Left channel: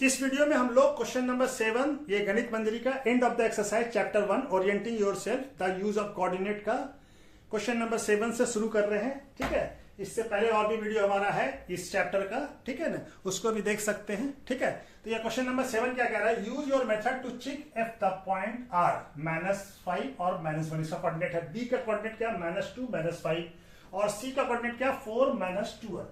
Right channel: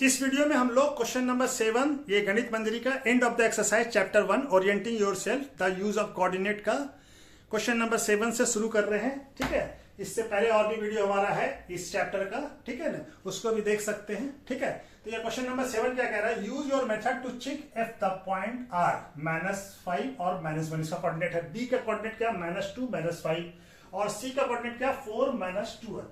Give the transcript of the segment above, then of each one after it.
इस वीडियो में हम लोग क्वेश्चन नंबर 7 ये गणित मंजरी का end of the exercise chapter 1 orienting yourself the use of coordinate का क्वेश्चन नंबर 7 से शुरू कर रहे हैं। ठीक है, इससे पहले और भी वीडियो हमारा है इस चैप्टर का, ठीक है ना, उसको भी देख सकते हैं। ठीक है, तो ये क्वेश्चन नंबर 7 क्या कह रहा है, use your method to check if the point are -5 और -1 इसका कोऑर्डिनेट है। बी का कोऑर्डिनेट क्या -2 -5 और सी का कोऑर्डिनेट क्या 4 -12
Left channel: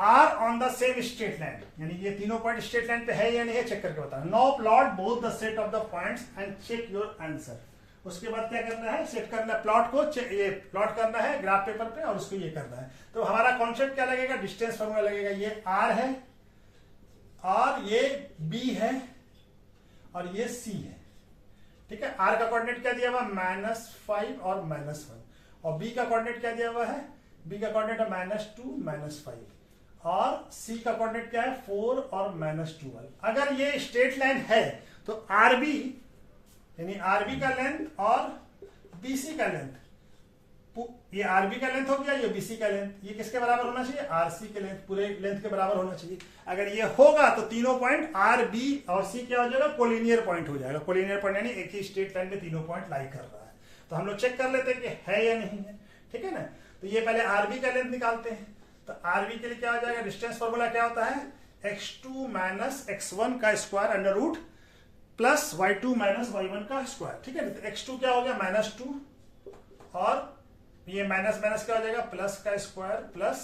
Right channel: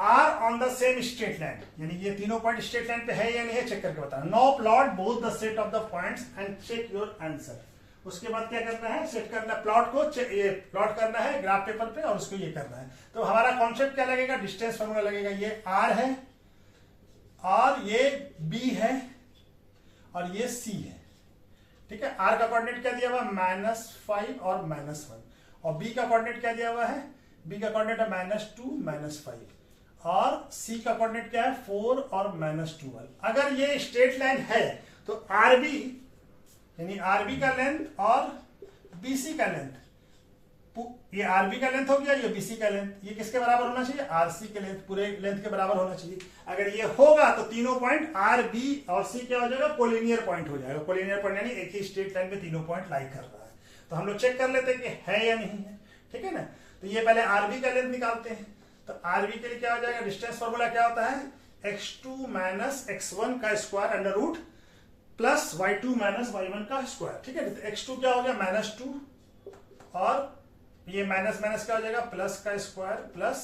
are on the same straight line, यानी ये तीनों पॉइंट स्ट्रेट लाइन पे है या नहीं है चेक करके बताना। No plot both the set of the points and check your answer. उसके बाद क्या करना है, सेट करना है प्लॉट को, ये प्लॉट करना है ग्राफ पेपर पे और उसको ये करना है। तो हमारा कॉन्सेप्ट क्या लगेगा, डिस्टेंस फॉर्मूला लगेगा। ये आर है और ये बी है और ये सी है। ठीक है, आर का कोऑर्डिनेट क्या दिया हुआ -5 और -1 और बी का कोऑर्डिनेट क्या दिया हुआ है, बी का कोऑर्डिनेट है -2 -5 और सी का कोऑर्डिनेट क्या है 4 और -12। अगर ये स्ट्रेट लाइन है तो आरबी यानी आरबी का लेंथ और बीसी का लेंथ, ये आरबी का लेंथ हो गया, ये बीसी का लेंथ, ये किसके बराबर होना चाहिए, आरसी के लेंथ, पूरे लेंथ के बराबर होना चाहिए। अगर ये होगा तो तीनों पॉइंट आर बी और सी क्या हो जाएगा, कोलिनियर पॉइंट हो जाएगा। कोलिनियर पॉइंट यानी एक ही स्ट्रेट लाइन में तीनों पॉइंट लाई कर रहा है। तो हम लोग चेक कर लेते हैं कि है या नहीं है। ठीक है ना, तो ये पहले आरबी का लेंथ निकालते हैं। तो आरबी के लिए क्या हो जाएगा, डिस्टेंस फॉर्मूला क्या होता है, x2 - x1 का square under root plus y2 - y1 का स्क्वायर। ठीक है, तो x2 क्या हो गया -2 और ये माइनस माइनस क्या हो जाएगा प्लस का स्क्वायर प्लस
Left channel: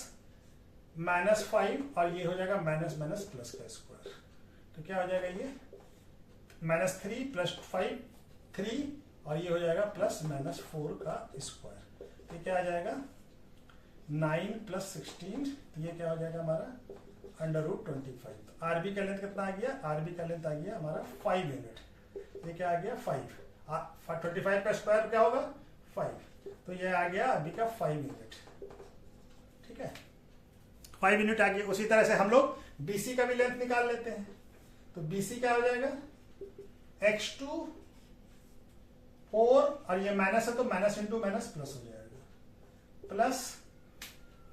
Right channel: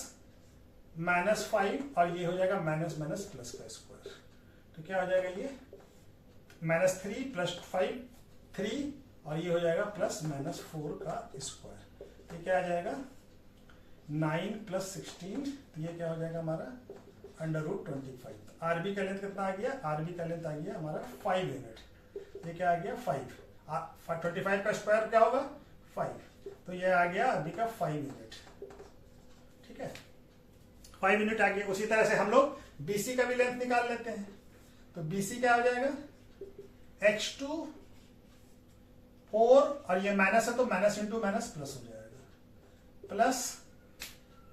-5 और ये हो जाएगा माइनस माइनस प्लस का स्क्वायर। तो क्या हो जाएगा, ये -3 + 5 3 और ये हो जाएगा +-4 का स्क्वायर। ये क्या आ जाएगा 9 + 16, तो ये क्या हो जाएगा हमारा √25। आरबी का लेंथ कितना आ गया, आरबी का लेंथ आ गया हमारा 5 यूनिट। ये क्या आ गया 5, 25 का स्क्वायर क्या होगा 5, तो ये आ गया अभी का 5 यूनिट। ठीक है, 5 यूनिट आ गया। उसी तरह से हम लोग बीसी का भी लेंथ निकाल लेते हैं। तो बीसी क्या हो जाएगा x2 4 और ये माइनस है तो माइनस इंटू माइनस प्लस हो जाएगा प्लस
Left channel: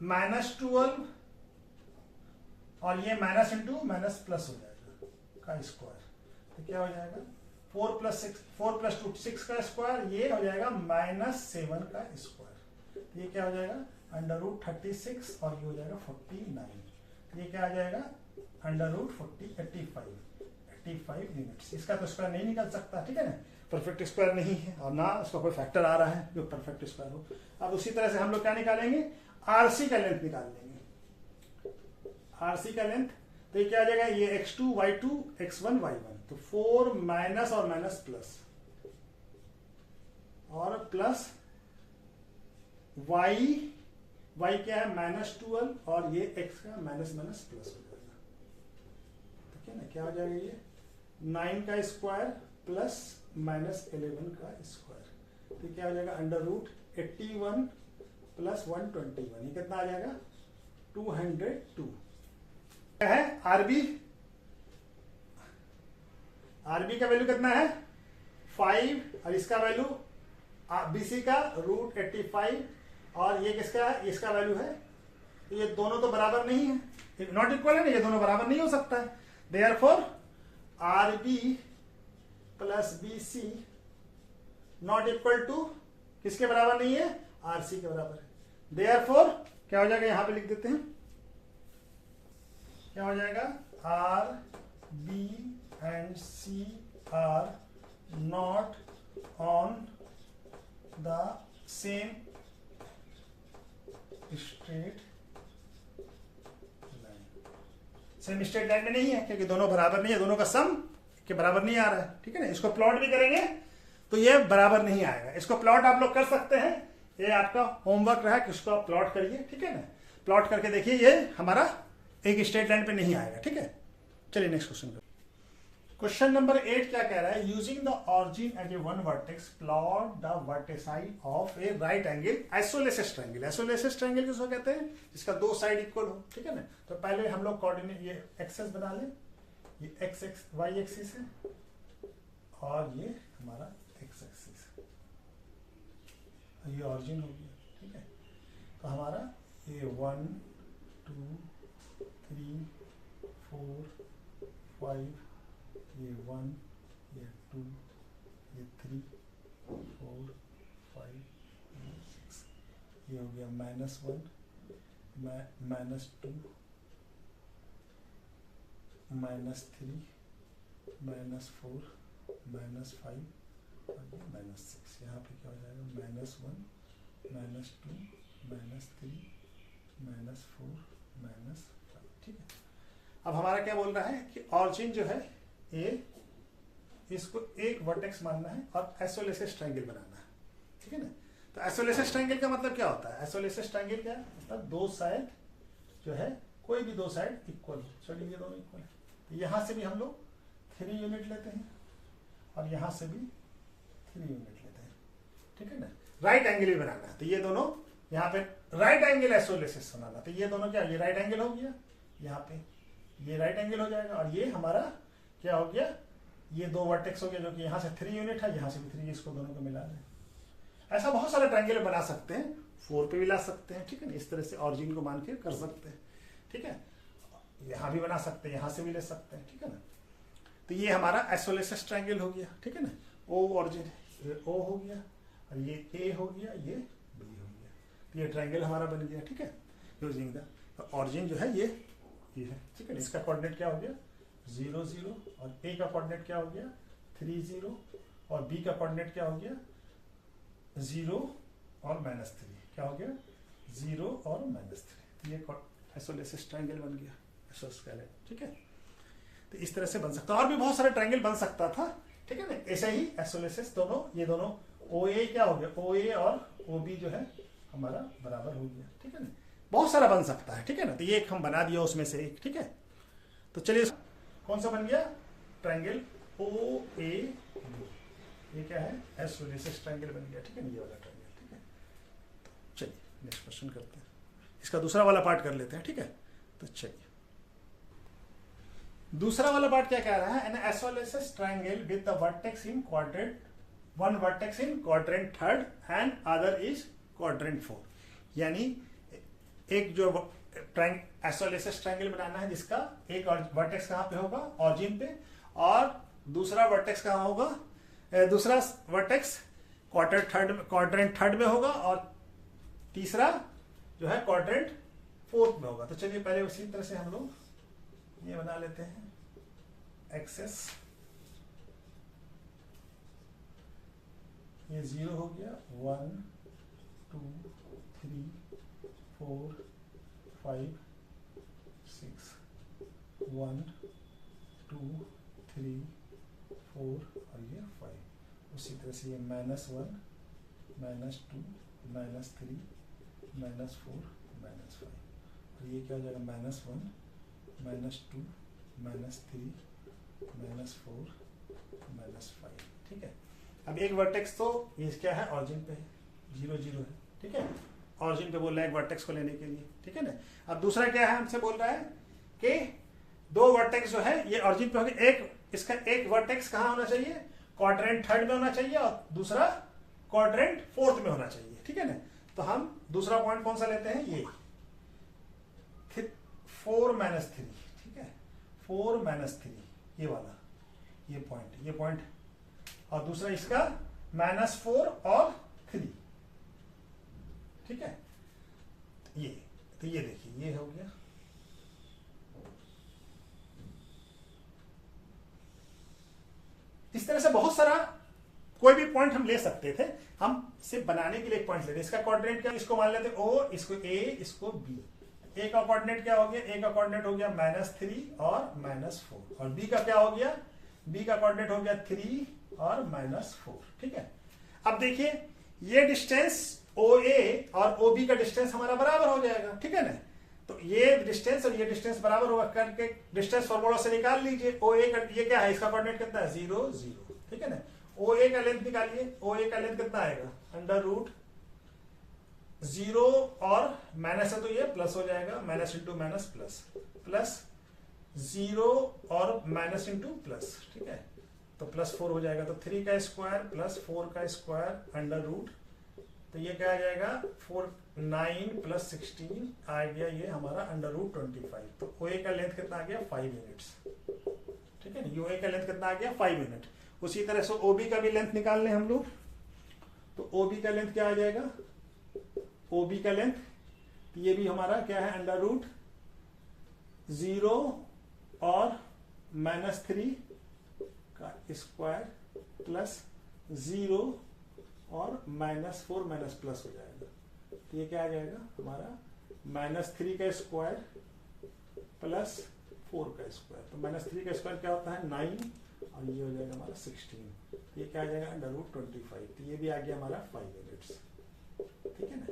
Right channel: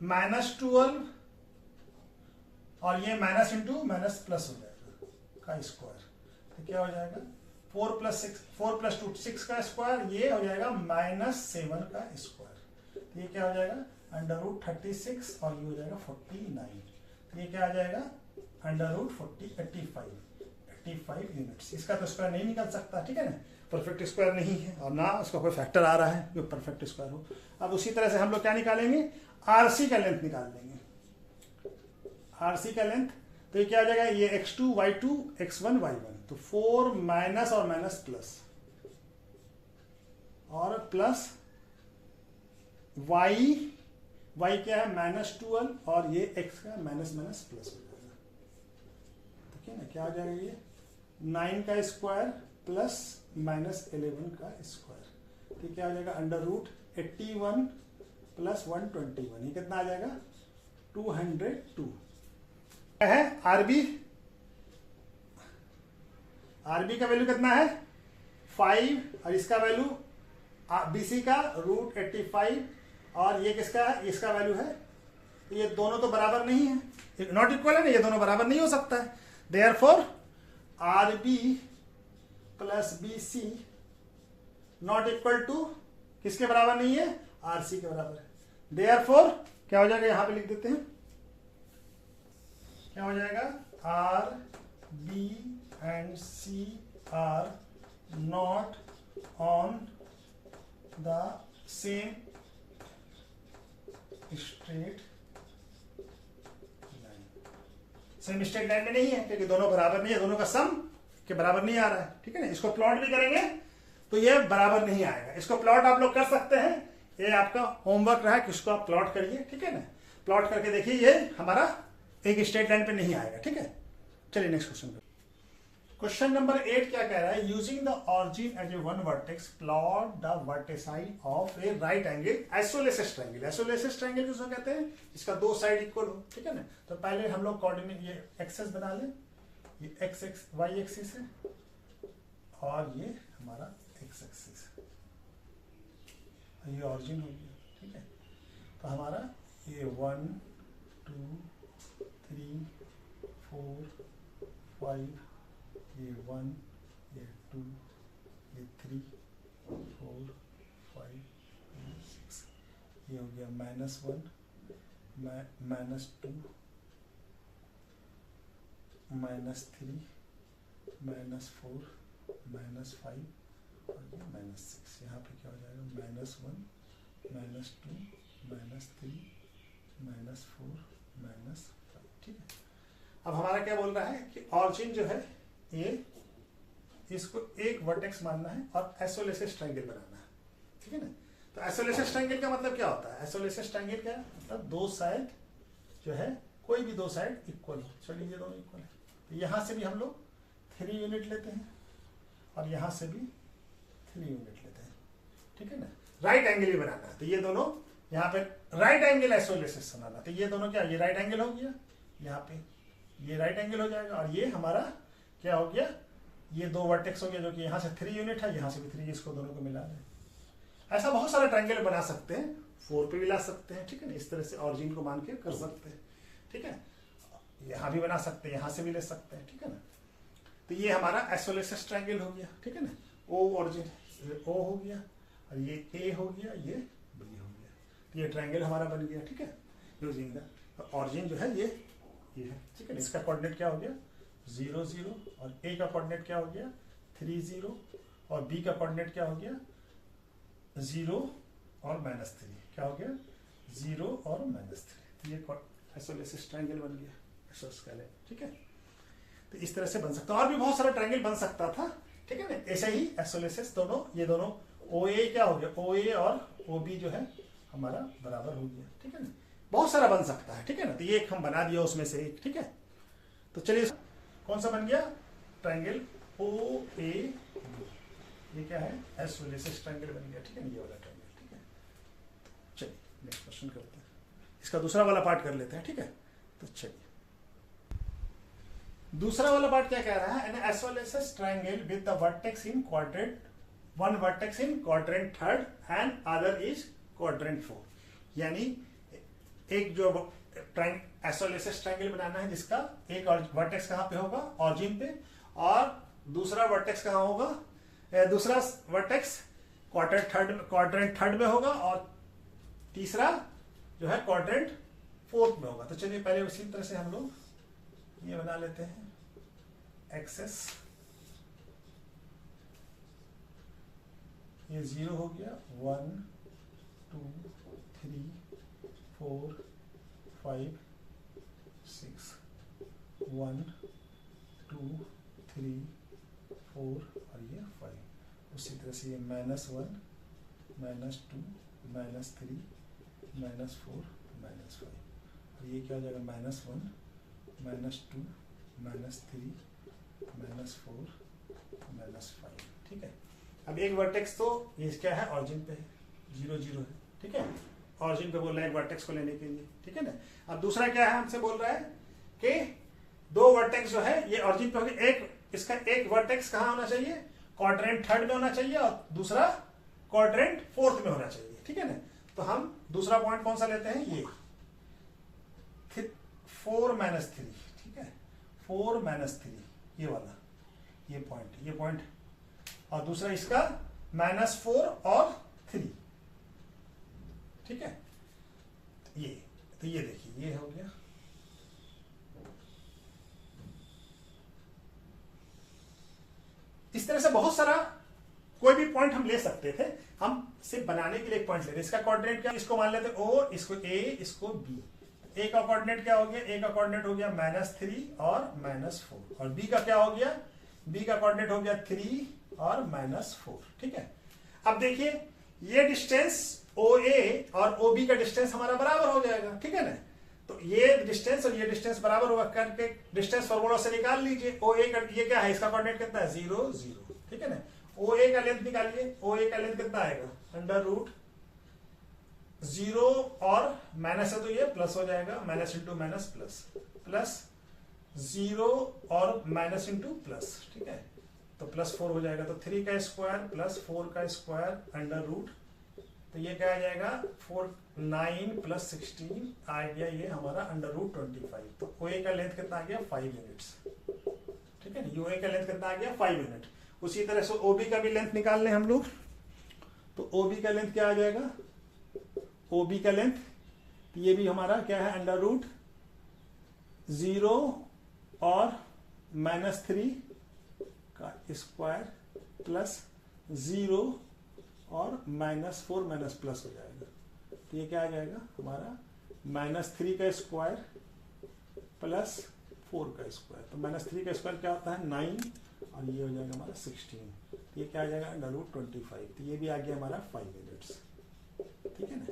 -12 और ये माइनस इंटू माइनस प्लस हो जाएगा का स्क्वायर। तो क्या हो जाएगा 4 + 2 6 का स्क्वायर, ये हो जाएगा -7 का स्क्वायर। तो ये क्या हो जाएगा √36 और ये हो जाएगा 49। ये क्या आ जाएगा √40 85 यूनिट्स। इसका तो स्क्वायर नहीं निकल सकता। ठीक है ना, परफेक्ट स्क्वायर नहीं है और ना उसका कोई फैक्टर आ रहा है जो परफेक्ट स्क्वायर हो। अब उसी तरह से हम लोग क्या निकालेंगे, आरसी का लेंथ निकाल लेंगे। आरसी का लेंथ तो ये क्या आ जाएगा, ये x2 y2 x1 y1, तो 4 माइनस और माइनस प्लस और प्लस y क्या है -12 और ये x का माइनस माइनस प्लस हो जाएगा। ठीक है ना, क्या हो जाएगा ये 9 का स्क्वायर प्लस -11 का स्क्वायर। तो क्या हो जाएगा √81 + 121, ये कितना आ जाएगा 202 है। आरबी का वैल्यू कितना है 5 और इसका वैल्यू बीसी का √85 और ये किसका है, इसका वैल्यू है। ये दोनों तो बराबर नहीं है, नॉट इक्वल है ना, ये दोनों बराबर नहीं हो सकता है। Therefore RB + BC not equal to किसके बराबर नहीं है, आरसी के बराबर है। देयरफॉर क्या हो जाएगा, यहां पे लिख देते हैं, क्या हो जाएगा R B and C are not on the same straight line. Same straight line में नहीं है क्योंकि दोनों बराबर नहीं है, दोनों का सम के बराबर नहीं आ रहा है। ठीक है ना, इसको प्लॉट भी करेंगे तो ये बराबर नहीं आएगा। इसको प्लॉट आप लोग कर सकते हैं, ये आपका होमवर्क रहा है कि उसको आप प्लॉट करिए। ठीक है ना, प्लॉट करके देखिए, ये हमारा एक स्ट्रेट लाइन पे नहीं आएगा। ठीक है, चलिए नेक्स्ट क्वेश्चन पे। क्वेश्चन नंबर 8 क्या कह रहा है, using the origin as a one vertex plot the vertices of a right angle isosceles triangle. Isosceles triangle किसको कहते हैं, जिसका दो साइड इक्वल हो। ठीक है ना, तो पहले हम लोग कोऑर्डिनेट ये एक्सेस बना लें, ये एक्स वाई एक्सिस है और ये हमारा एक्स एक्सिस है, ये ऑरिजिन हो गया। ठीक है, तो हमारा ये 1 2 3 4 5, ये 1, ये 2, ये 3, 4, 5, 6, ये हो गया -1, -2, -3, -4, -5 और ये -6। यहाँ पे क्या हो जाएगा -1, -2, -3, -4, -5। ठीक है। अब हमारा क्या बोल रहा है कि ऑरिजिन जो है ये इसको एक वर्टेक्स मानना है और आइसोलेसिस ट्रायंगल बनाना है। ठीक है ना। तो आइसोलेसिस ट्रायंगल का मतलब क्या होता है? आइसोलेसिस ट्रायंगल क्या है? मतलब दो साइड जो है, कोई भी दो साइड इक्वल हो। चलिए ये दोनों इक्वल है, तो यहां से भी हम लोग 3 यूनिट लेते हैं और यहां से भी 3 यूनिट लेते हैं। ठीक है ना। राइट एंगल भी बनाना है, तो ये दोनों यहाँ पे राइट एंगल आइसोलेसिस बनाना, तो ये दोनों क्या, ये राइट एंगल हो गया, यहाँ पे ये राइट एंगल हो जाएगा और ये हमारा क्या हो गया, ये दो वर्टेक्स हो गया जो कि यहाँ से 3 यूनिट है, यहाँ से भी 3, इसको दोनों को मिला दें। ऐसा बहुत सारे ट्रायंगल बना सकते हैं, 4 पे भी ला सकते हैं। ठीक है ना। इस तरह से ऑरिजिन को मान के कर सकते हैं। ठीक है। यहाँ भी बना सकते हैं, यहाँ से भी ले सकते हैं। ठीक है ना। तो ये हमारा आइसोलेसिस ट्रायंगल हो गया। ठीक है ना। ओ ऑरिजिन ओ हो गया और ये ए हो गया, ये बी हो गया, तो ये ट्रायंगल हमारा बन गया। ठीक है। यूजिंग द ऑरिजिन जो है ये है। ठीक है। इसका कोऑर्डिनेट क्या हो गया 0 0 और ए का कोऑर्डिनेट क्या हो गया 3 0 और बी का कोऑर्डिनेट क्या हो गया 0 और -3, क्या हो गया 0 और -3। ये आइसोलेसिस ट्रायंगल बन गया आइसोस्केलेट। ठीक है। तो इस तरह से बन सकता है, और भी बहुत सारा ट्रायंगल बन सकता था। ठीक है ना। ऐसे ही आइसोलेसिस दोनों, ये दोनों ओ ए क्या हो गया, ओ ए और ओ बी जो है हमारा बराबर हो गया। ठीक है ना। बहुत सारा बन सकता है। ठीक है ना। तो ये एक हम बना दिया उसमें से एक। ठीक है। तो चलिए कौन सा बन गया ट्रायंगल ओ ए बी, ये क्या है आइसोलेसिस ट्रायंगल बन गया। ठीक है। ये वाला ट्रायंगल। ठीक है। चलिए नेक्स्ट क्वेश्चन करते हैं, इसका दूसरा वाला पार्ट कर लेते हैं। ठीक है। तो चलिए दूसरा वाला पार्ट क्या कह रहा है, an isosceles triangle with the vertex in quadrant, one vertex in quadrant third and other is quadrant 4। यानी एक जो आइसोलेसिस ट्रायंगल बनाना है जिसका एक वर्टेक्स कहां पे होगा ऑरिजिन पे, और दूसरा वर्टेक्स कहां होगा, दूसरा वर्टेक्स क्वाड्रेंट थर्ड में होगा और तीसरा जो है क्वाड्रेंट 4th में होगा। तो चलिए पहले उसी तरह से हम लोग ये बना लेते हैं एक्सेस, ये 0 हो गया 1 2 3 4 5 6 1 2 3 4 और ये 5। उसी तरह से ये -1 -2 -3 -4 -5 और ये क्या हो जाएगा -1 -2 -3 -4 -5। ठीक है। अब एक वर्टेक्स तो ये क्या है ऑरिजिन पे है 0 0 है। ठीक है। ऑरिजिन पे बोल रहे हैं वर्टेक्स को लेने के लिए। ठीक है ना। अब दूसरा क्या है हमसे बोल रहा है कि दो वर्टेक्स जो है ये ऑरिजिन पे होगी, एक इसका एक वर्टेक्स कहां होना चाहिए क्वाड्रेंट थर्ड में होना चाहिए और दूसरा क्वाड्रेंट 4th में होना चाहिए। ठीक है ना। तो हम दूसरा पॉइंट कौन सा लेते हैं, ये 4 -3। ठीक है। 4 -3 ये वाला, ये पॉइंट और दूसरा इसका -4 और 3। ठीक है। ये तो ये देखिए ये हो गया। इस तरह से बहुत सारा कोई भी पॉइंट हम ले सकते थे, हम सिर्फ बनाने के लिए एक पॉइंट लेते। इसका कोऑर्डिनेट क्या, इसको मान लेते ओ, इसको ए, इसको बी। ए का कोऑर्डिनेट क्या हो गया, ए का कोऑर्डिनेट हो गया -3 और -4 और बी का क्या हो गया, बी का कोऑर्डिनेट हो गया 3 और -4। ठीक है। अब देखिए ये डिस्टेंस OA और OB का डिस्टेंस हमारा बराबर हो जाएगा। ठीक है ना। तो ये डिस्टेंस और ये डिस्टेंस बराबर होगा करके डिस्टेंस फॉर्मूला से निकाल लीजिए। OA का ये क्या है, इसका कोऑर्डिनेट कितना है 0 0। ठीक है ना। OA का लेंथ निकालिए, OA का लेंथ कितना आएगा √0 और माइनस है तो ये प्लस हो जाएगा, माइनस इंटू माइनस प्लस 0 और माइनस इंटू प्लस। ठीक है। तो +4 हो जाएगा, तो 3 का स्क्वायर प्लस 4 का स्क्वायर √ तो ये क्या आ जाएगा 9 + 16 आ गया, ये हमारा √25। तो OA का लेंथ कितना आ गया 5 यूनिट्स। यूए का लेंथ कितना आ गया 5 यूनिट। उसी तरह से ओबी का भी लेंथ निकाल लें हम लोग, तो ओबी का लेंथ क्या आ जाएगा, ओबी का लेंथ ये भी हमारा क्या है अंडर रूट 0 और -3 का स्क्वायर प्लस 0 और -4 माइनस प्लस हो जाएगा। तो ये क्या आ जाएगा हमारा -3 का स्क्वायर प्लस 4 का स्क्वायर। तो -3 का स्क्वायर क्या होता है 9 और ये हो जाएगा हमारा 16। ये क्या आ जाएगा अंडर रूट 25। तो ये भी आ गया हमारा 5 यूनिट्स। ठीक है ना।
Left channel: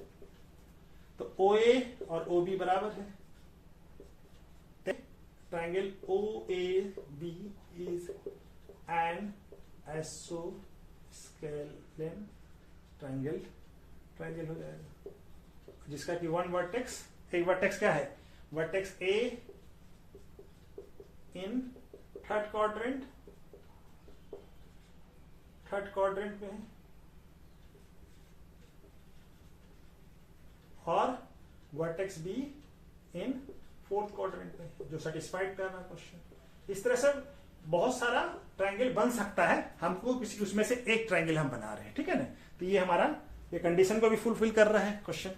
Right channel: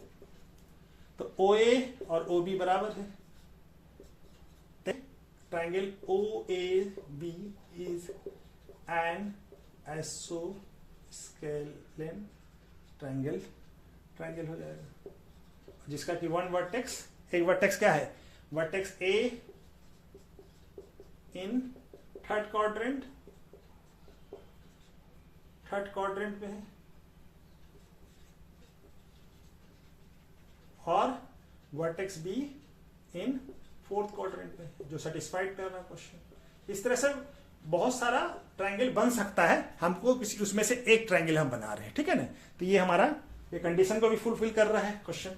तो OA और OB बराबर है। Triangle OAB is an isosceles triangle, triangle हो जाएगा जिसका कि वन वर्टेक्स, एक वर्टेक्स क्या है, vertex A in third quadrant में है और vertex B in fourth quadrant में, जो सेटिस्फाइड कर रहा क्वेश्चन। इस तरह से बहुत सारा ट्राइंगल बन सकता है, हमको किसी उसमें से एक ट्राइंगल हम बना रहे हैं। ठीक है ना। तो ये हमारा ये कंडीशन को भी फुलफिल कर रहा है क्वेश्चन।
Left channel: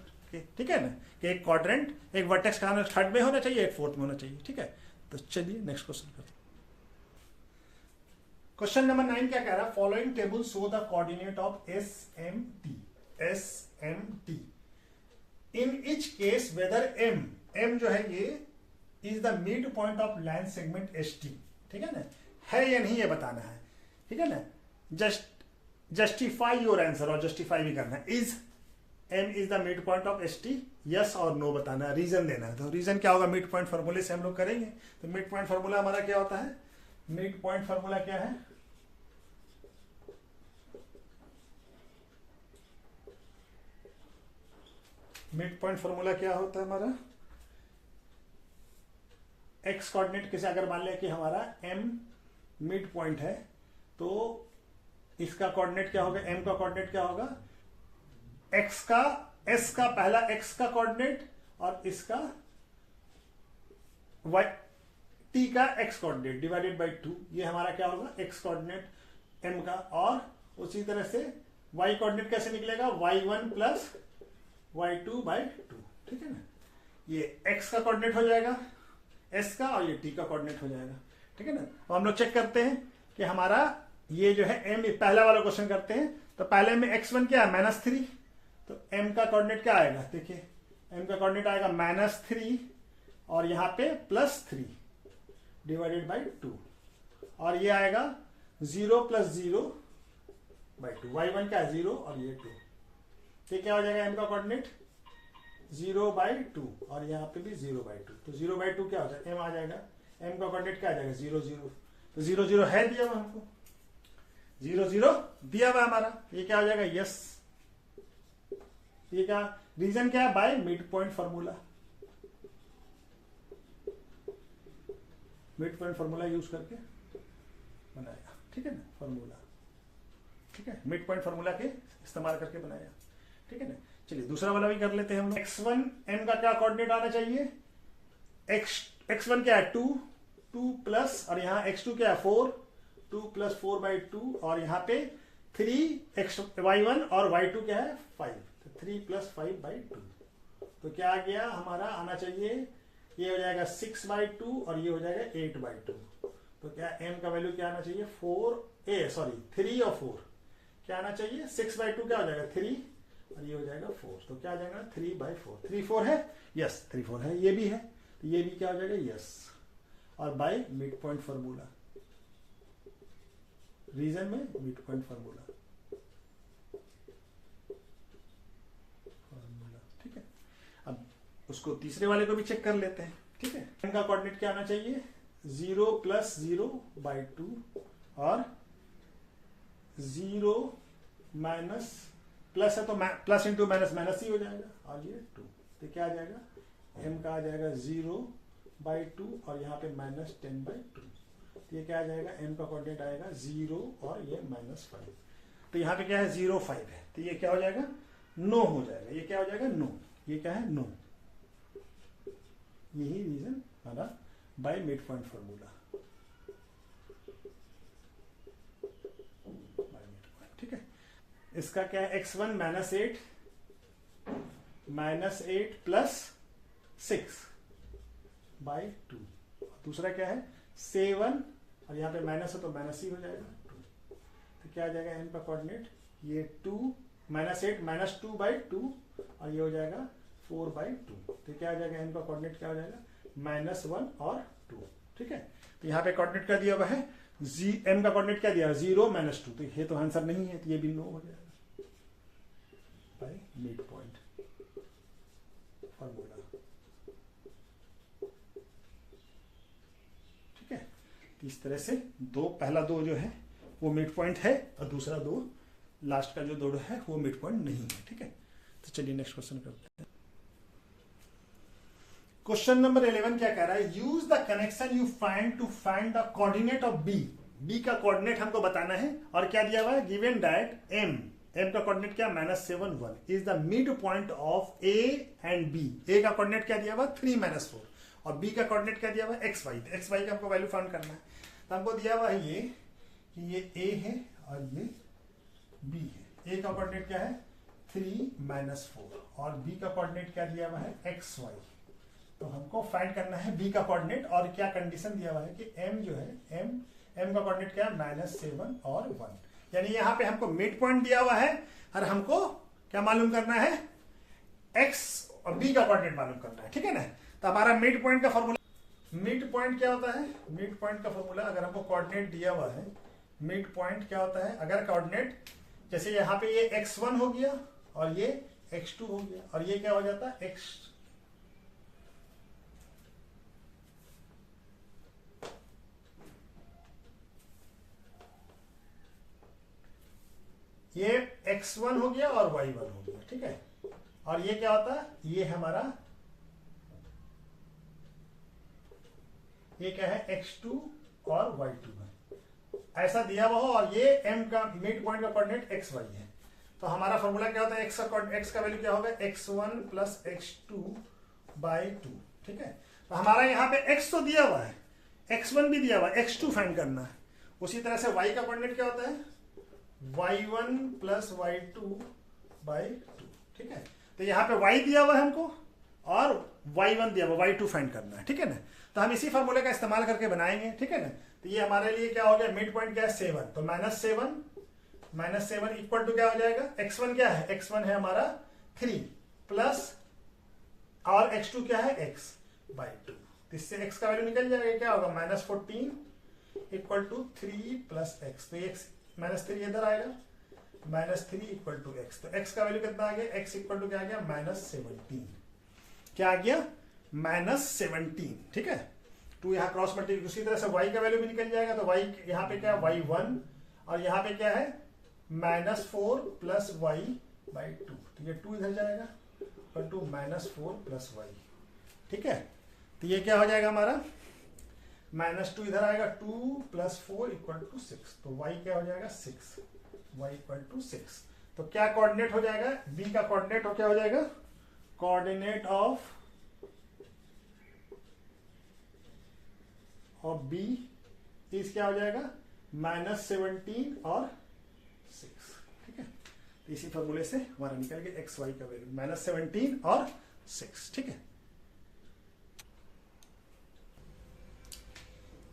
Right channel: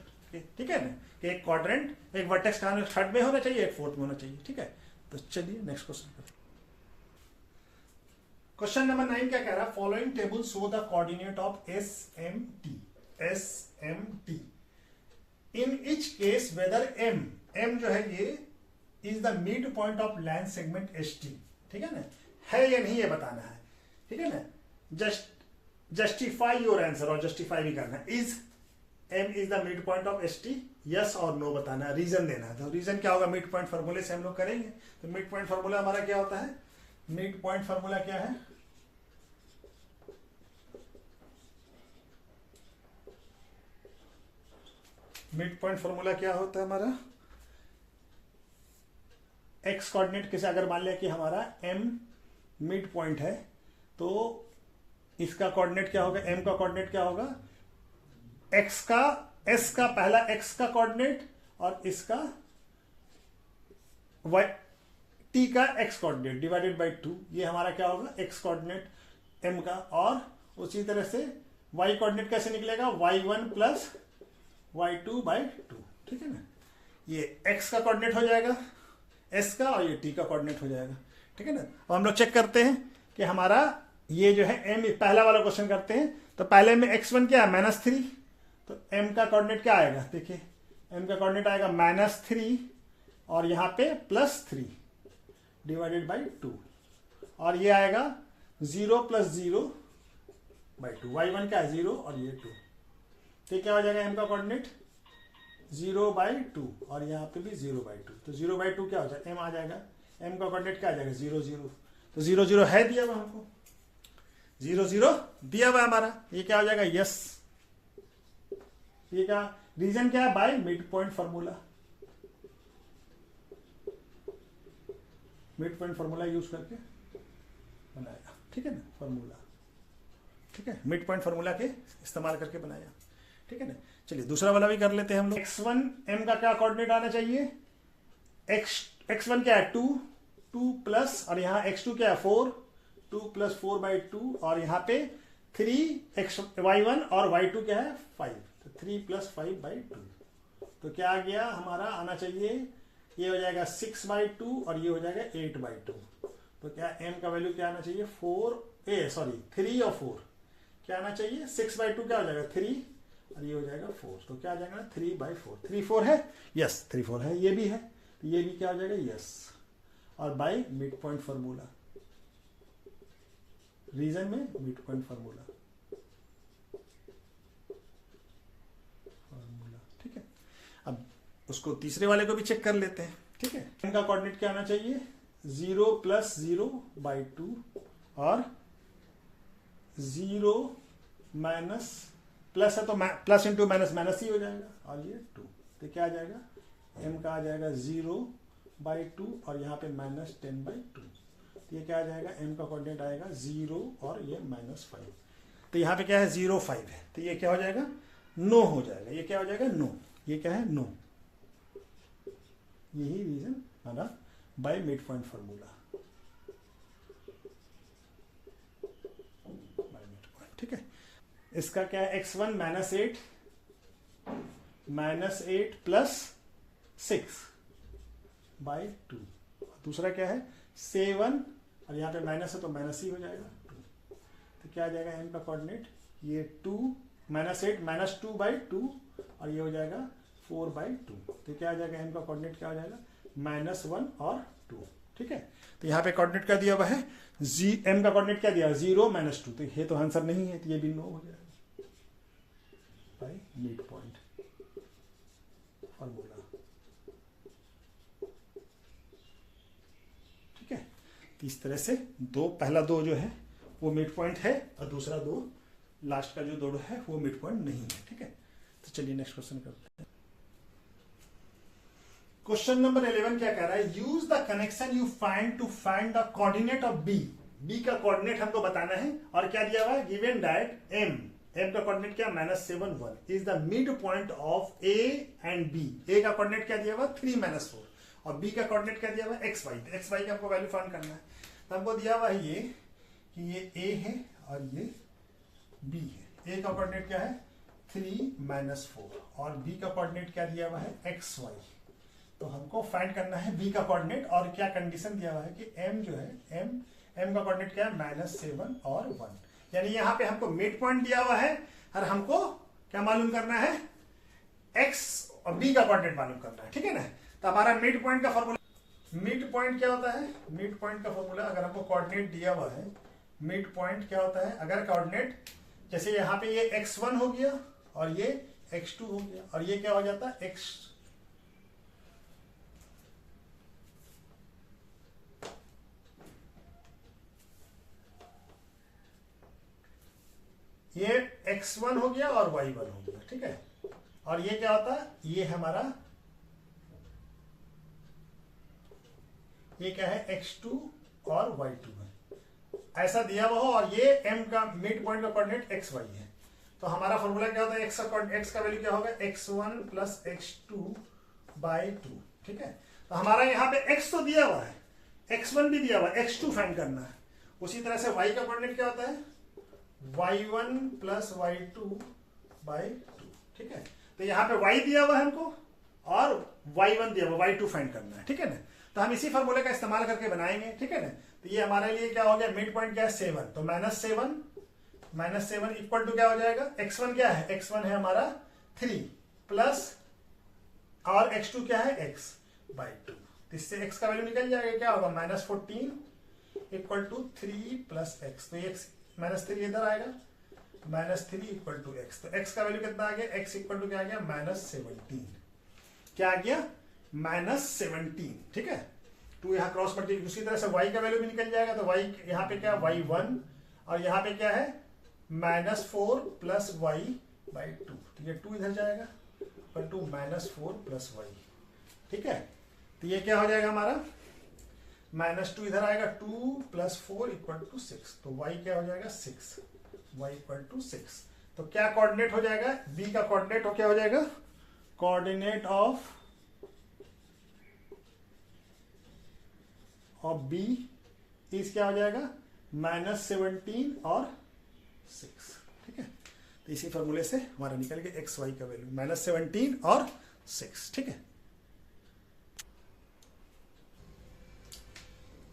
ठीक है ना कि एक क्वाड्रेंट, एक वर्टेक्स कहां थर्ड में होना चाहिए, एक फोर्थ में होना चाहिए। ठीक है। तो चलिए नेक्स्ट क्वेश्चन पर। क्वेश्चन नंबर 9 क्या कह रहा है, following table show the coordinate of SMT in each case weather M जो है ये is the mid point of line segment ST। ठीक है ना, है या नहीं ये बताना है। ठीक है ना। जस्टिफाई योर आंसर, और जस्टिफाई भी करना है। Is M is the mid point of ST, yes और नो बताना है, रीजन देना है। तो रीजन क्या होगा, मिड पॉइंट फॉर्मूले से हम लोग करेंगे। तो मिड पॉइंट फॉर्मूला हमारा क्या होता है, मिड पॉइंट फॉर्मूला क्या है, मिड पॉइंट फॉर्मूला क्या होता है हमारा, एक्स कोऑर्डिनेट के से अगर मान लिया कि हमारा M मिड पॉइंट है, तो इसका कोऑर्डिनेट क्या होगा, M का कोऑर्डिनेट क्या होगा, x का S का पहला x का कोऑर्डिनेट और इसका y t का x कोऑर्डिनेट डिवाइडेड बाय 2। ये हमारा क्या होगा x कोऑर्डिनेट M का, और उसी तरह से y कोऑर्डिनेट कैसे निकलेगा, y1 प्लस y2 बाय 2। ठीक है ना। ये x का कोऑर्डिनेट हो जाएगा S का और ये t का कोऑर्डिनेट हो जाएगा। ठीक है ना। अब हम लोग चेक करते हैं कि हमारा ये जो है M, पहला वाला क्वेश्चन करते हैं। तो पहले में x1 क्या है -3, तो M का कोऑर्डिनेट क्या आएगा, देखिए M का कोऑर्डिनेट आएगा -3 और यहां पे +3 डिवाइडेड बाय 2, और ये आएगा 0 + 0 बाय 2। y1 क्या है 0 और ये 2, तो क्या हो जाएगा M का कोऑर्डिनेट 0 बाय 2 और यहाँ पे भी 0 बाय 2। तो 0 बाय 2 क्या हो जाएगा, M आ जाएगा। M का कोऑर्डिनेट क्या आ जाएगा 0 0, तो 0 0 है दिया हुआ हमको, 0 0 दिया हुआ हमारा। ये क्या हो जाएगा यस। ये क्या रीजन क्या है, bye mid point formula, mid point formula use करके बनाया। ठीक है ना फॉर्मूला, ठीक है, मिड पॉइंट फॉर्मूला के इस्तेमाल करके बनाया। ठीक है ना। चलिए दूसरा वाला भी कर लेते हैं हम लोग। x1 M का क्या कोऑर्डिनेट आना चाहिए, x1 क्या है 2 प्लस, और यहाँ x2 क्या है 4, 2 + 4 बाय 2, और यहाँ पे 3 y1 और y2 क्या है 5, तो 3 + 5 बाय 2। तो क्या आ गया हमारा, आना चाहिए ये हो जाएगा 6 बाय 2 और ये हो जाएगा 8 बाय 2। तो क्या M का वैल्यू क्या आना चाहिए 3 और 4 क्या आना चाहिए, 6 बाय 2 क्या हो जाएगा 3 और ये हो जाएगा 4। तो क्या आ जाएगा 3 बाय 4, 3 4 है, यस 3 4 है, ये भी है, तो ये भी क्या हो जाएगा यस। और by mid point formula, reason में मिड पॉइंट फॉर्मूला। ठीक है। अब उसको तीसरे वाले को भी चेक कर लेते हैं। ठीक है। M का कोऑर्डिनेट क्या आना चाहिए 0 + 0 बाय 2 और 0 माइनस प्लस है तो प्लस इंटू माइनस माइनस ही हो जाएगा, और ये 2। तो क्या आ जाएगा M का आ जाएगा 0 बाय 2 और यहाँ पे -10 बाय 2। तो ये क्या आ जाएगा, M का कोऑर्डिनेट आएगा 0 और ये -5। तो यहाँ पे क्या है 0 5 है, तो ये क्या हो जाएगा नो हो जाएगा। ये क्या हो जाएगा नो, ये क्या है नो। यही रीजन हमारा बाय मिड पॉइंट फॉर्मूला। इसका क्या है x1 -8 प्लस 6 बाई 2। दूसरा क्या है 7 और यहाँ पे माइनस है तो माइनस ही हो जाएगा 2। तो क्या आ जाएगा m का कोऑर्डिनेट ये 2 -8 -2 बाई 2 और ये हो जाएगा 4 बाई 2। तो क्या आ जाएगा m का कोऑर्डिनेट क्या हो जाएगा -1 और 2। ठीक है, तो यहाँ पे कोऑर्डिनेट क्या दिया हुआ है m का कोऑर्डिनेट क्या दिया 0 -2। तो ये तो आंसर नहीं है, तो ये भी नो हो जाएगा बाई मिड पॉइंट फॉर्मूला। ठीक है, तो इस तरह से पहला दो जो है वो मिड पॉइंट है और दूसरा दो लास्ट का जो दो है वो मिड पॉइंट नहीं है। ठीक है, तो चलिए नेक्स्ट क्वेश्चन करते हैं। क्वेश्चन नंबर 11 क्या कह रहा है, use the connection you find to find the coordinate of B. B का कोऑर्डिनेट हमको बताना है और क्या दिया हुआ है गिवन दैट m का कोऑर्डिनेट क्या -7 1 is the mid point of a and b। a का कोऑर्डिनेट क्या दिया हुआ 3 -4 और b का कोऑर्डिनेट क्या दिया हुआ xy। xy का हमको वैल्यू फाइंड करना है, तो हमको दिया हुआ है ये a है और ये b है। a का कोऑर्डिनेट क्या है 3 -4 और b का कोऑर्डिनेट क्या दिया हुआ है xy। तो हमको फाइंड करना है b का कोऑर्डिनेट और क्या कंडीशन दिया हुआ है कि m जो है m का कोऑर्डिनेट क्या है -7 और 1, यानी यहाँ पे हमको मिड पॉइंट दिया हुआ है और हमको क्या मालूम करना है x और b का कोऑर्डिनेट मालूम करना है। ठीक है ना, तो हमारा मिड पॉइंट का फॉर्मूला, मिड पॉइंट क्या होता है मिड पॉइंट का फॉर्मूला अगर हमको कोऑर्डिनेट दिया हुआ है मिड पॉइंट क्या होता है, अगर कोऑर्डिनेट जैसे यहाँ पे ये x1 हो गया और ये x2 हो गया और ये क्या हो जाता है ये x1 हो गया और y1 हो गया। ठीक है, और ये क्या होता है ये हमारा ये क्या है x2 और y2 है, ऐसा दिया हुआ हो और ये m का मिड पॉइंट का कोऑर्डिनेट xy है। तो हमारा फॉर्मूला क्या होता है x का वैल्यू क्या होगा x1 प्लस x2 बाई 2। ठीक है, तो हमारा यहाँ पे x तो दिया हुआ है, x1 भी दिया हुआ है, x2 फाइंड करना है। उसी तरह से y का कोऑर्डिनेट क्या होता है y1 प्लस y2 बाई 2। ठीक है, तो यहाँ पे y दिया हुआ है हमको और y1 दिया हुआ, y2 फाइंड करना है। ठीक है ना, तो हम इसी फॉर्मूले का इस्तेमाल करके बनाएंगे। ठीक है ना, तो ये हमारे लिए क्या हो गया मिड पॉइंट क्या है 7, तो -7 इक्वल टू क्या हो जाएगा x1 क्या है x1 है हमारा 3 प्लस और x2 क्या है x बाई 2। इससे x का वैल्यू निकल जाएगा, क्या होगा -14 इक्वल टू 3 प्लस x। तो x -3 इधर आएगा -3 इक्वल टू x। तो x का वैल्यू कितना आ गया x इक्वल टू क्या आ गया -17। क्या आ गया -17। ठीक है, तो यहाँ क्रॉस मल्टीप्लाई उसी तरह से y का वैल्यू भी निकल जाएगा। तो y यहाँ पे क्या y1 और यहाँ पे क्या है -4 प्लस y बाई 2। तो ये 2 इधर जाएगा इक्वल टू -4 प्लस y। ठीक है, तो ये क्या हो जाएगा हमारा -2 इधर आएगा 2 प्लस 4 इक्वल टू 6। तो y क्या हो जाएगा 6 y इक्वल टू 6। तो क्या कोऑर्डिनेट हो जाएगा b का कोऑर्डिनेट हो क्या हो जाएगा कोऑर्डिनेट ऑफ b इस क्या हो जाएगा -17 और 6। ठीक है, तो इसी फॉर्मूले से हमारा निकल गया एक्स वाई का वैल्यू -17 और 6। ठीक है,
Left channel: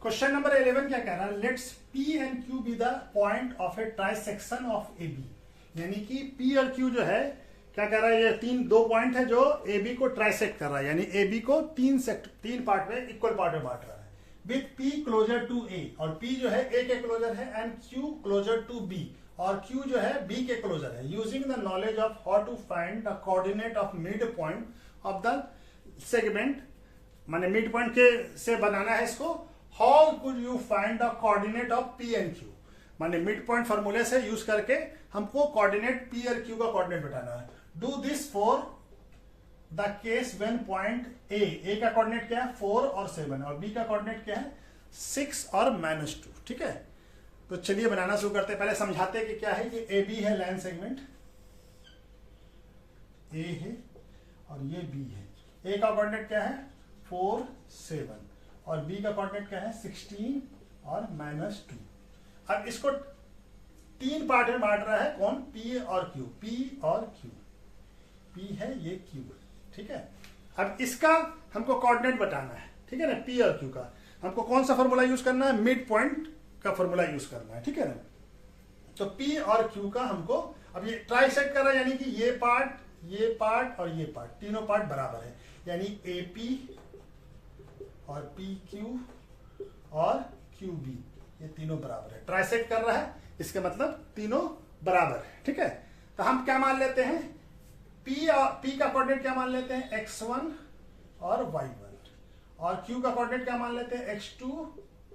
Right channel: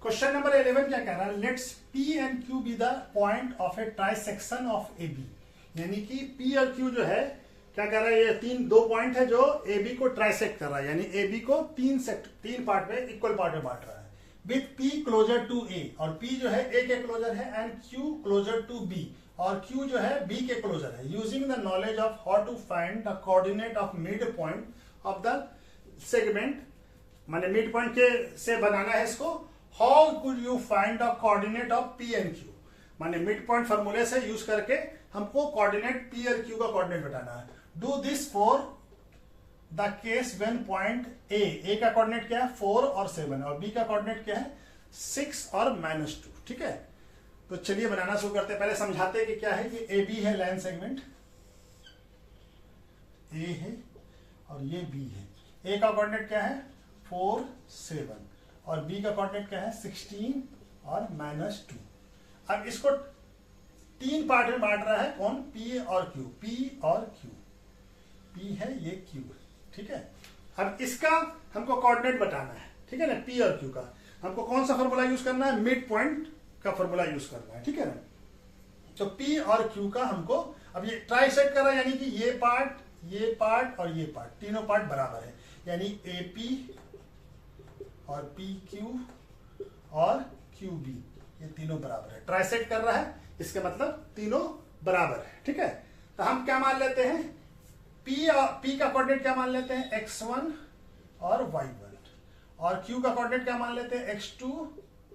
क्वेश्चन नंबर 11 क्या कह रहा है, let's P and Q be the point of A trisection of AB। यानी कि P और Q जो है क्या कर रहा है, ये दो पॉइंट है जो AB को ट्राइसेक्ट कर रहा है, यानी AB को तीन पार्ट में इक्वल पार्ट में बांट रहा है with P closer to A। और P जो है A के क्लोजर है and Q closer to B और Q जो है B के क्लोजर है। Using the knowledge of how to find the coordinate of mid point of the segment, माने मिड पॉइंट के से बनाना है इसको। How could you find the coordinate of P and Q, माने मिड पॉइंट फॉर्मूले से यूज करके हमको कोऑर्डिनेट P और Q का कोऑर्डिनेट बताना है। Do this for the case when point A का कोऑर्डिनेट क्या है 4 और 7 और B का कोऑर्डिनेट क्या है 6 और -2। ठीक है, तो चलिए बनाना शुरू करते हैं। पहले समझाते हैं कि क्या है। ये AB है लाइन सेगमेंट, A है और ये B है। A का कोऑर्डिनेट क्या है 4 7 और B का कोऑर्डिनेट क्या है 16 और -2। अब इसको तीन पार्ट में बांट रहा है। कौन? पी और क्यू। पी और क्यू, पी है ये क्यू, ठीक है। अब इसका हमको कोऑर्डिनेट बताना है, ठीक है ना। पी और क्यू का हमको कौन सा फॉर्मूला यूज करना है? मिड पॉइंट का फॉर्मूला यूज करना है, ठीक है ना। तो पी और क्यू का हमको अब ये ट्राइसेट कर रहा है, यानी कि ये पार्ट और ये पार्ट, तीनों पार्ट बराबर है, यानी ए पी और पी क्यू और क्यू बी, ये तीनों बराबर है। ट्राइसेट कर रहा है, इसके मतलब तीनों बराबर है, ठीक है। तो हम क्या मान लेते हैं? पी का कोऑर्डिनेट क्या मान लेते हैं? x1 और y1, और q का कोऑर्डिनेट क्या मान लेते हैं? x2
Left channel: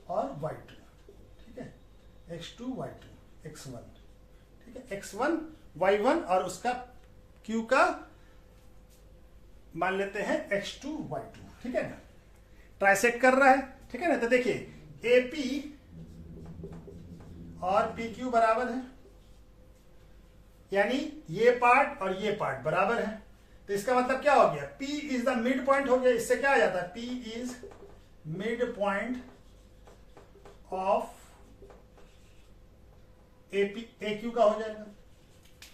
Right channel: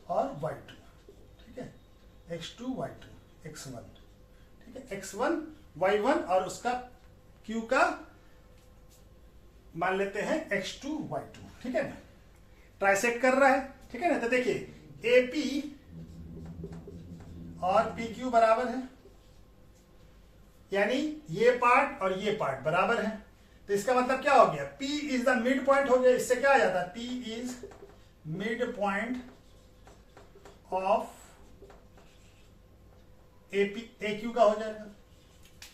और y2, ठीक है। x2 y2 x1, ठीक है। x1 y1 और उसका q का मान लेते हैं x2 y2, ठीक है ना। ट्राइसेट कर रहा है, ठीक है ना। तो देखिए AP और PQ बराबर है, यानी ये पार्ट और ये पार्ट बराबर है। तो इसका मतलब क्या हो गया? P is the mid point हो गया। इससे क्या आ जाता है? P is mid point of AQ का हो जाएगा,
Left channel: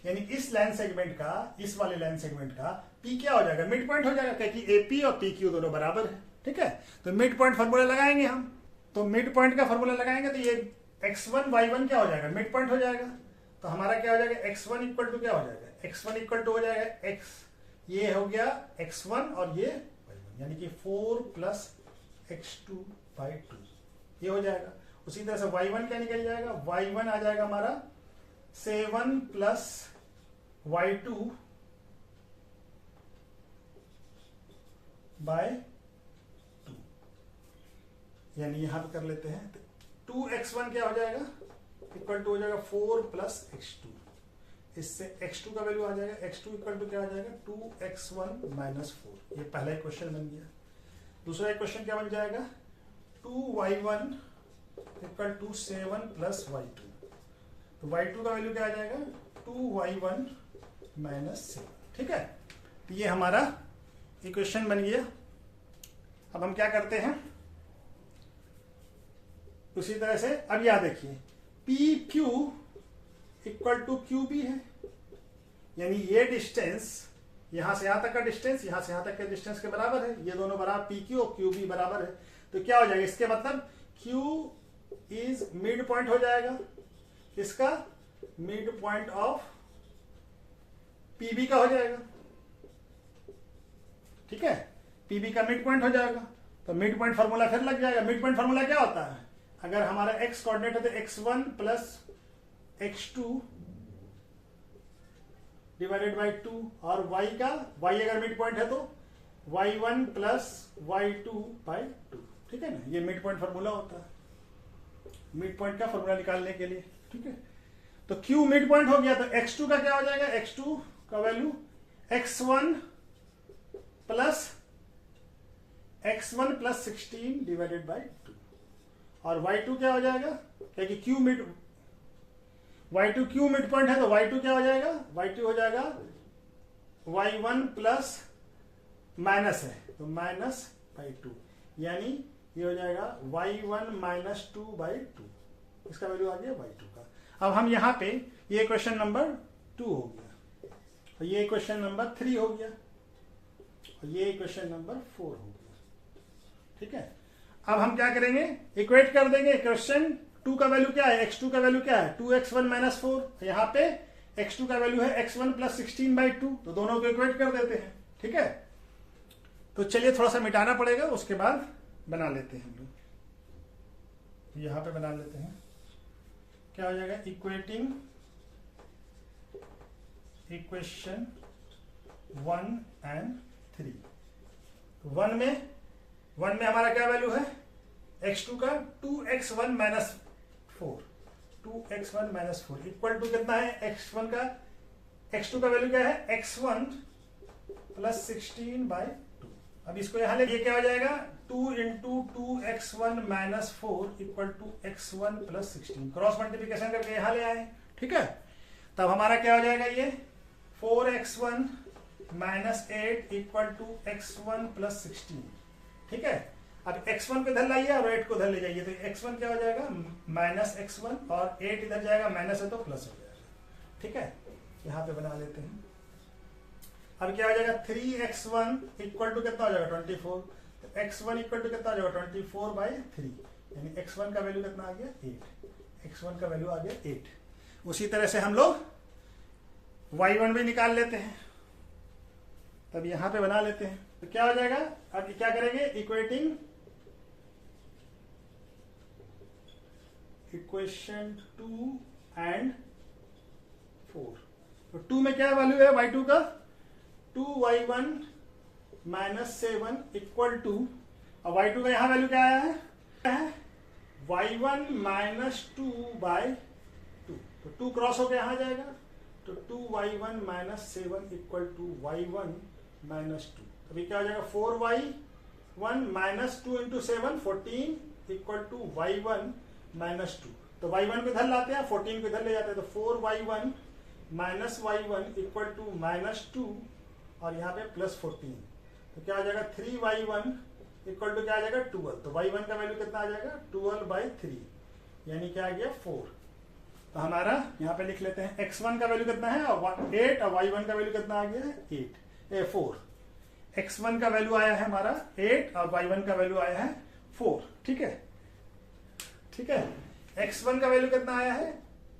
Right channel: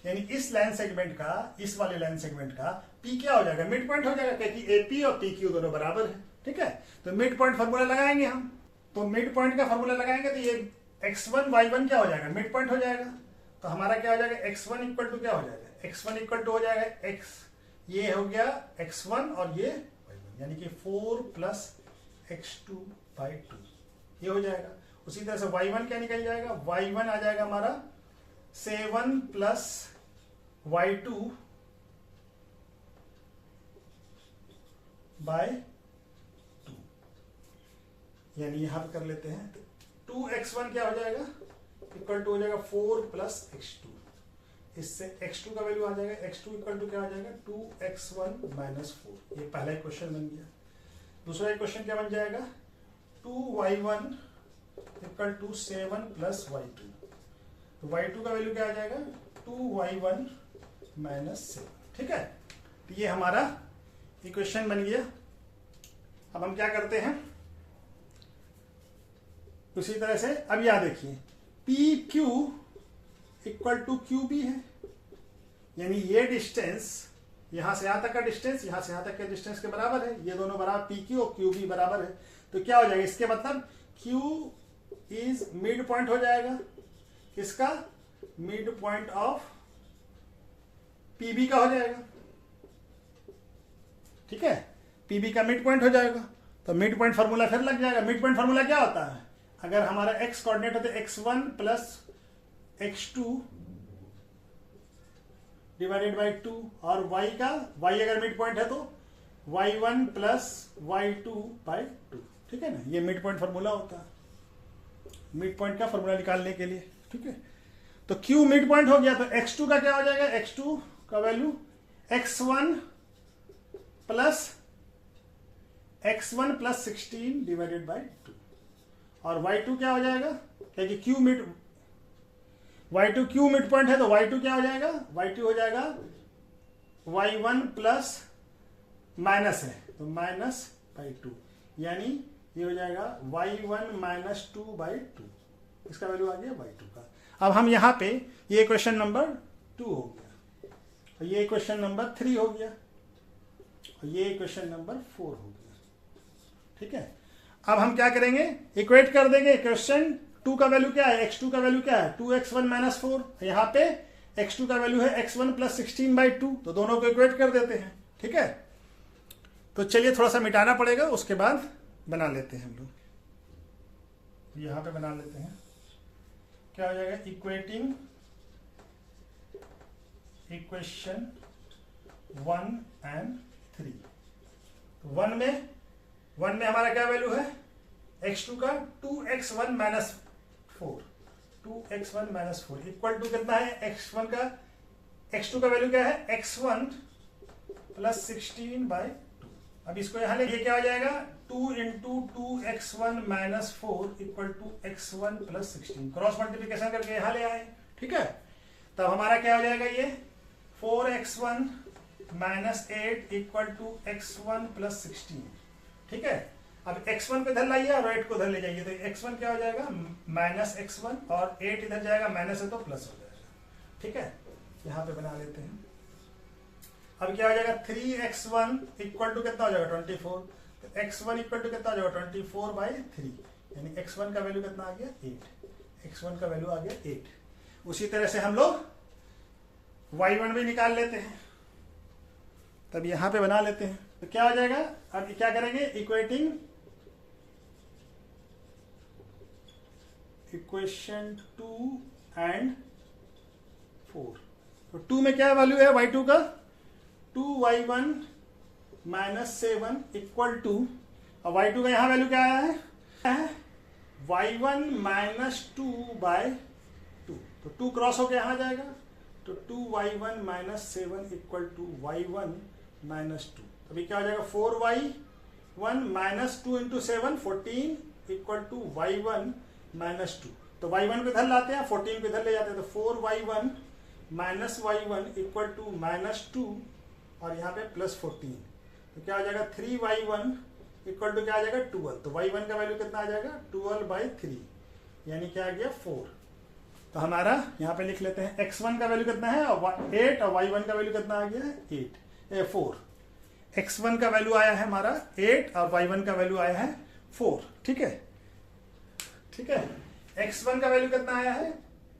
यानी इस लाइन सेगमेंट का, इस वाले लाइन सेगमेंट का P क्या हो जाएगा? मिड पॉइंट हो जाएगा, क्योंकि AP और PQ दोनों बराबर है, ठीक है। तो मिड पॉइंट फॉर्मूला लगाएंगे हम, तो मिड पॉइंट का फॉर्मूला लगाएंगे तो ये x1 y1 क्या हो जाएगा? मिड पॉइंट हो जाएगा। तो हमारा क्या हो जाएगा? x1 इक्वल टू क्या हो जाएगा? x1 इक्वल टू हो जाएगा x, ये हो गया x1 और ये y1, यानी कि 4 प्लस x2 बाई 2, ये हो जाएगा। उसी तरह से y1 क्या निकल जाएगा? y1 आ जाएगा हमारा 7 प्लस y2 बाय 2, यानी यहां कर लेते हैं। 2x1 क्या हो जाएगा? इक्वल टू हो जाएगा 4 प्लस x2, इससे x2 का वैल्यू आ जाएगा, x2 इक्वल टू क्या हो जाएगा? 2x1 minus 4। ये पहला क्वेश्चन बन गया। दूसरा क्वेश्चन क्या बन जाएगा? 2y1 equal to 7 plus y2, तो y2 का वैल्यू क्या आ जाएगा? 2y1 माइनस 7, ठीक है। तो ये हमारा इक्वेशन बन गया। अब हम क्या करते हैं? उसी तरह से अब यहां देखिए P Q equal to Q B है, यानी ये डिस्टेंस यहां से यहां तक का डिस्टेंस यहां से यहां तक के डिस्टेंस के बराबर है। ये दोनों बराबर, पी क्यू और क्यू बी बराबर है। तो क्या हो जाएगा? इसके मतलब क्यू इज मिड पॉइंट हो जाएगा, इसका मिड पॉइंट ऑफ पीबी का हो जाएगा, ठीक है। पीबी का मिड पॉइंट हो जाएगा। तो मिड पॉइंट फॉर्मूला फिर लग जाएगा। मिड पॉइंट फॉर्मूला क्या होता है? अगर हमारा x कोऑर्डिनेट होता है x1 plus x2 divided by 2, और y का, y अगर मिड पॉइंट है तो y1 प्लस y2 बाई 2, ठीक है ना। ये मिड पॉइंट फॉर्मूला होता है, मिड पॉइंट का फॉर्मूला निकालने के लिए, ठीक है। तो q मिड पॉइंट हो गया, तो x2 का क्या हो जाएगा? x2 का value x1 plus 16 divided by 2, और y2 क्या हो जाएगा? क्योंकि q mid, y2 q mid point है, तो y2 क्या हो जाएगा? y2 हो जाएगा y1 प्लस माइनस है तो माइनस बाई 2, यानी ये हो जाएगा y1 माइनस 2 बाई 2, इसका वैल्यू आ गया y2 का। अब हम यहां पे ये क्वेश्चन नंबर 2 हो गया, और ये क्वेश्चन नंबर 3 हो गया, और ये क्वेश्चन नंबर 4 हो गया, ठीक है। अब हम क्या करेंगे? इक्वेट कर देंगे। क्वेश्चन 2 का वैल्यू क्या है? x2 का वैल्यू क्या है? 2x1 minus 4। यहाँ पे x2 का वैल्यू है x1 प्लस 16 बाई 2, तो दोनों को इक्वेट कर देते हैं, ठीक है। तो चलिए थोड़ा सा मिटाना पड़ेगा, उसके बाद बना लेते हैं हम लोग। यहां पे बना लेते हैं। क्या हो जाएगा? Equating equation 1 and 3। 1 में हमारा क्या वैल्यू है? x2 का 2x1 minus 4, 2x1 minus 4 equal to कितना है? x1 का, x2 का वैल्यू क्या है? x1 plus 16 by 2। अब इसको यहां ले, ये क्या हो जाएगा? 2 into 2x1 minus 4 equal to x1 plus 16। Cross multiplication करके यहां ले आए, ठीक है। तब हमारा क्या हो जाएगा? ये 4x1 minus 8 equal to x1 plus 16, ठीक है। अब x1 को इधर लाइए और 8 को इधर ले जाइए, तो x1 क्या हो जाएगा -x1 और 8 इधर जाएगा माइनस है तो प्लस हो जाएगा। ठीक है, यहां पे बना लेते हैं। अब क्या हो जाएगा 3x1 इक्वल टू कितना हो जाएगा 24, तो x1 इक्वल टू कितना हो जाएगा 24/3, यानी x1 का वैल्यू कितना आ गया 8, x1 का वैल्यू आ गया 8। उसी तरह से हम लोग y1 भी निकाल लेते हैं, तब यहां पे बना लेते हैं, तो क्या हो जाएगा, अब क्या करेंगे इक्वेशन 2 एंड 4, तो 2 में क्या वैल्यू है y2 का 2y1 -7 इक्वल टू, और y2 का यहां वैल्यू क्या आया है y1 -2/2, तो 2 क्रॉस होकर यहां जाएगा, तो 2y1 -7 इक्वल टू y1 -2, अभी क्या हो जाएगा 4y1 -2 into 7 14 equal to y1 -2, तो y1 को इधर लाते हैं 14 को इधर ले जाते हैं, तो 4y1 -y1 इक्वल टू -2 और यहाँ पे +14, तो क्या आ जाएगा 3y1 इक्वल टू क्या आ जाएगा 12, तो y1 का वैल्यू कितना आ जाएगा 12/3, यानी क्या आ गया 4। तो हमारा यहाँ पे लिख लेते हैं x1 का वैल्यू कितना है 8 और y1 का वैल्यू कितना आ गया 4। x1 का वैल्यू आया है हमारा 8 और y1 का वैल्यू आया है 4। ठीक है, ठीक है, x1 का वैल्यू कितना आया है,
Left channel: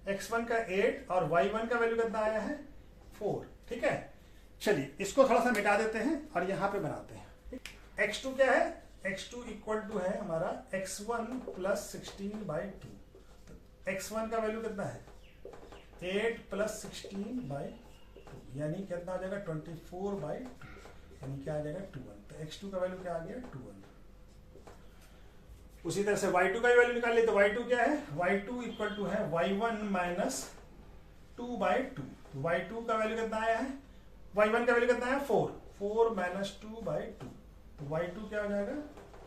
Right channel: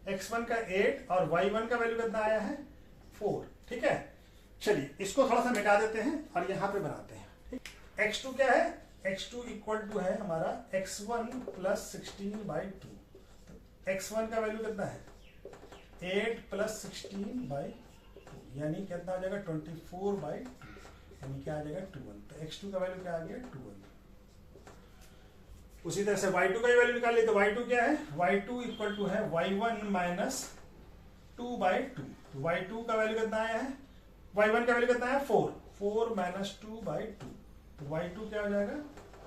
x1 का 8 और y1 का वैल्यू कितना आया है 4। ठीक है, चलिए इसको थोड़ा सा मिटा देते हैं और यहां पे बनाते हैं। x2 क्या है, x2 इक्वल टू है हमारा x1 + 16/2, तो x1 का वैल्यू कितना है 8 + 16/2, यानी कितना आ जाएगा 24/2, यानी क्या आ जाएगा 21, तो x2 का वैल्यू क्या आ गया 21। उसी तरह से y2 का वैल्यू निकाल लिया, तो y2 क्या है y2 इक्वल टू है y1 - 2/2, y2 का वैल्यू कितना आया है, y1 का वैल्यू कितना है 4 - 2/2, तो y2 क्या हो जाएगा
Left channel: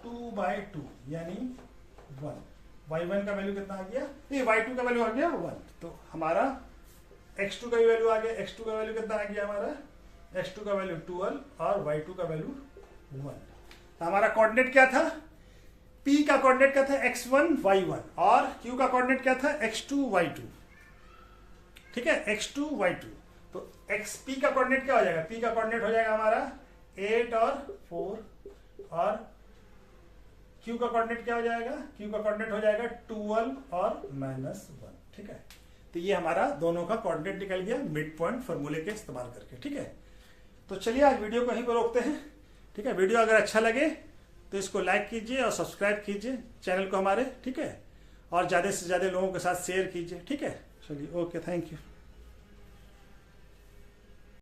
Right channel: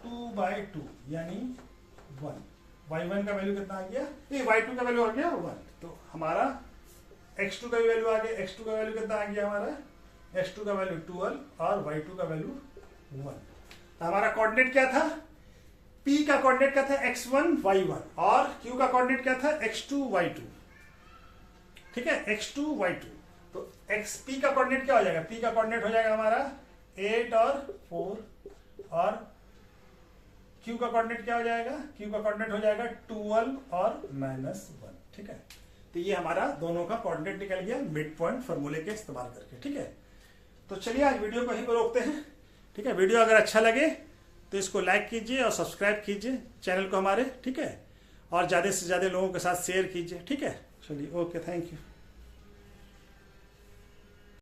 2/2 यानी 1, y1 का वैल्यू कितना आ गया, ये y2 का वैल्यू आ गया 1, तो हमारा x2 का वैल्यू आ गया, x2 का वैल्यू कितना आ गया हमारा, x2 का वैल्यू 12 और y2 का वैल्यू 1। तो हमारा कोऑर्डिनेट क्या था, p का कोऑर्डिनेट क्या था x1 y1 और q का कोऑर्डिनेट क्या था x2 y2। ठीक है, x2 y2, तो p का कोऑर्डिनेट क्या हो जाएगा, p का कोऑर्डिनेट हो जाएगा हमारा 8 और 4, और q का कोऑर्डिनेट क्या हो जाएगा, q का कोऑर्डिनेट हो जाएगा 12 और -1। ठीक है, तो ये हमारा दोनों का कोऑर्डिनेट निकल गया मिड पॉइंट फॉर्मूले के इस्तेमाल करके। ठीक है, तो चलिए आज वीडियो को यहीं पर रोकते हैं। ठीक है, वीडियो अगर अच्छा लगे तो इसको लाइक कीजिए और सब्सक्राइब कीजिए चैनल को हमारे। ठीक है, और ज़्यादा से ज़्यादा लोगों के साथ शेयर कीजिए। ठीक है, चलिए ओके, थैंक यू।